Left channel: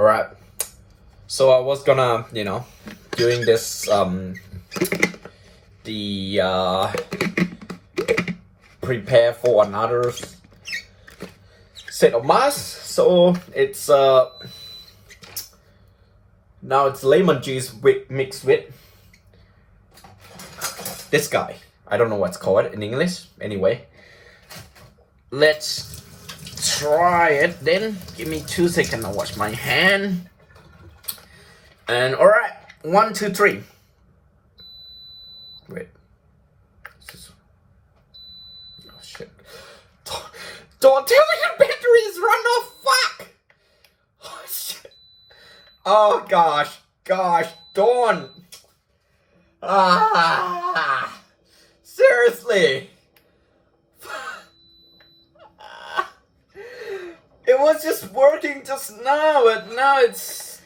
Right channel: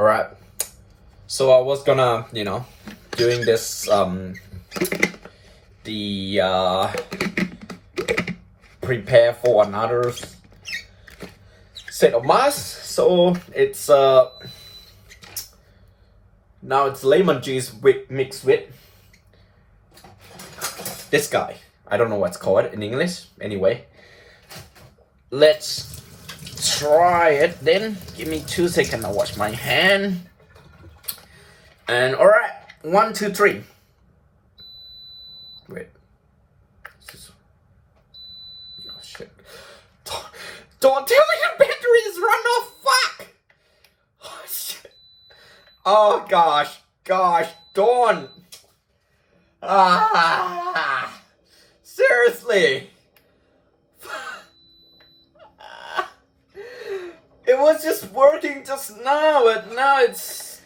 Alright. So I was gonna, doing this, prepare for another set of masks. So it's, now it's lemon juice mixed with this guy. I don't know what's called in English. Anyway, let's try it then. Give me 2 seconds. I'll wash my hand. And all right, 1, 2, 3. Wait. Oh shit! Don't tell me the battery is run off. Fuck! Oh shit! Oh gosh, don't. Seriously. It was just working just now, but now it's...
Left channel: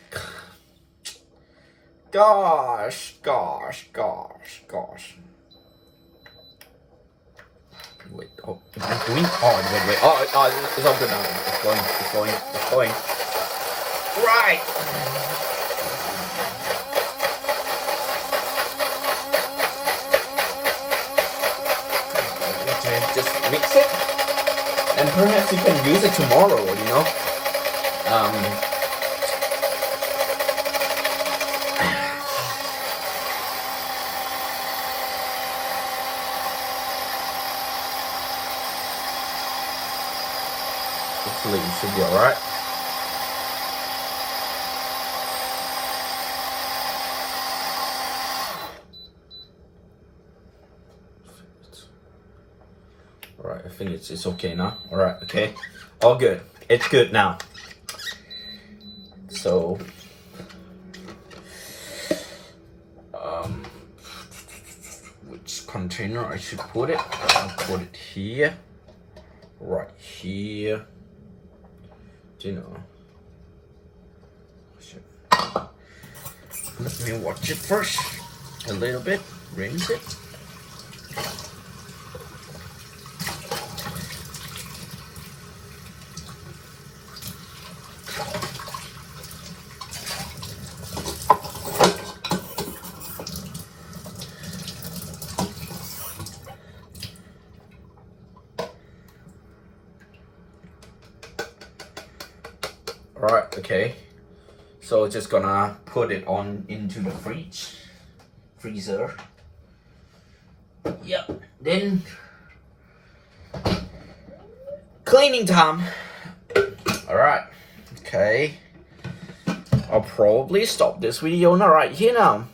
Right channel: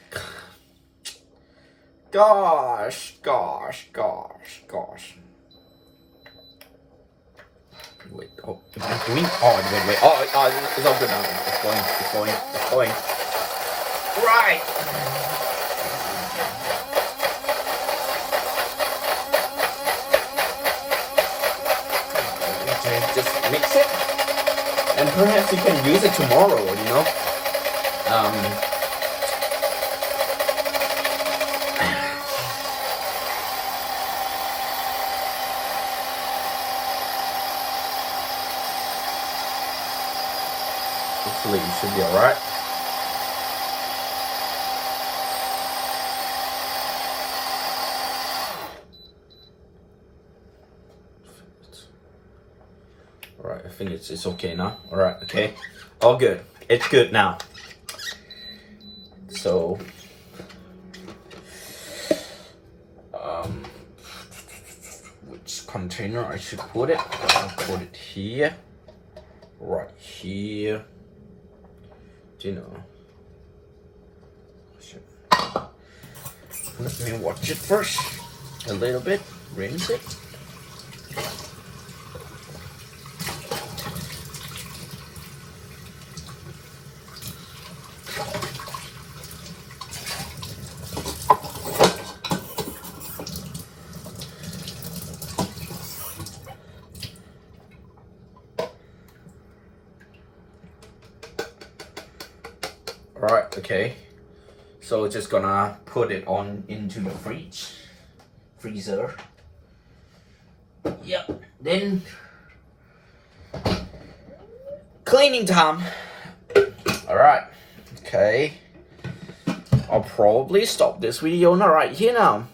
Gosh. Wait, oh, I'm doing... Oh, wait. Oh, it's all good now. It's going. Right. Okay, just mix it. And perhaps you can use it tomorrow, Hopefully it should be alright. Alright, I think it's okay now. Alright, okay. All good. It's good now. So which container I should put it? I'll put it here. Right here. Shit. Let me watch it first. A little bit. Rinse it. Alright, okay. So just gonna put it on into the freezer. Yep. Then cleaning time. Alright. Okay. I'll probably stop this video right here now.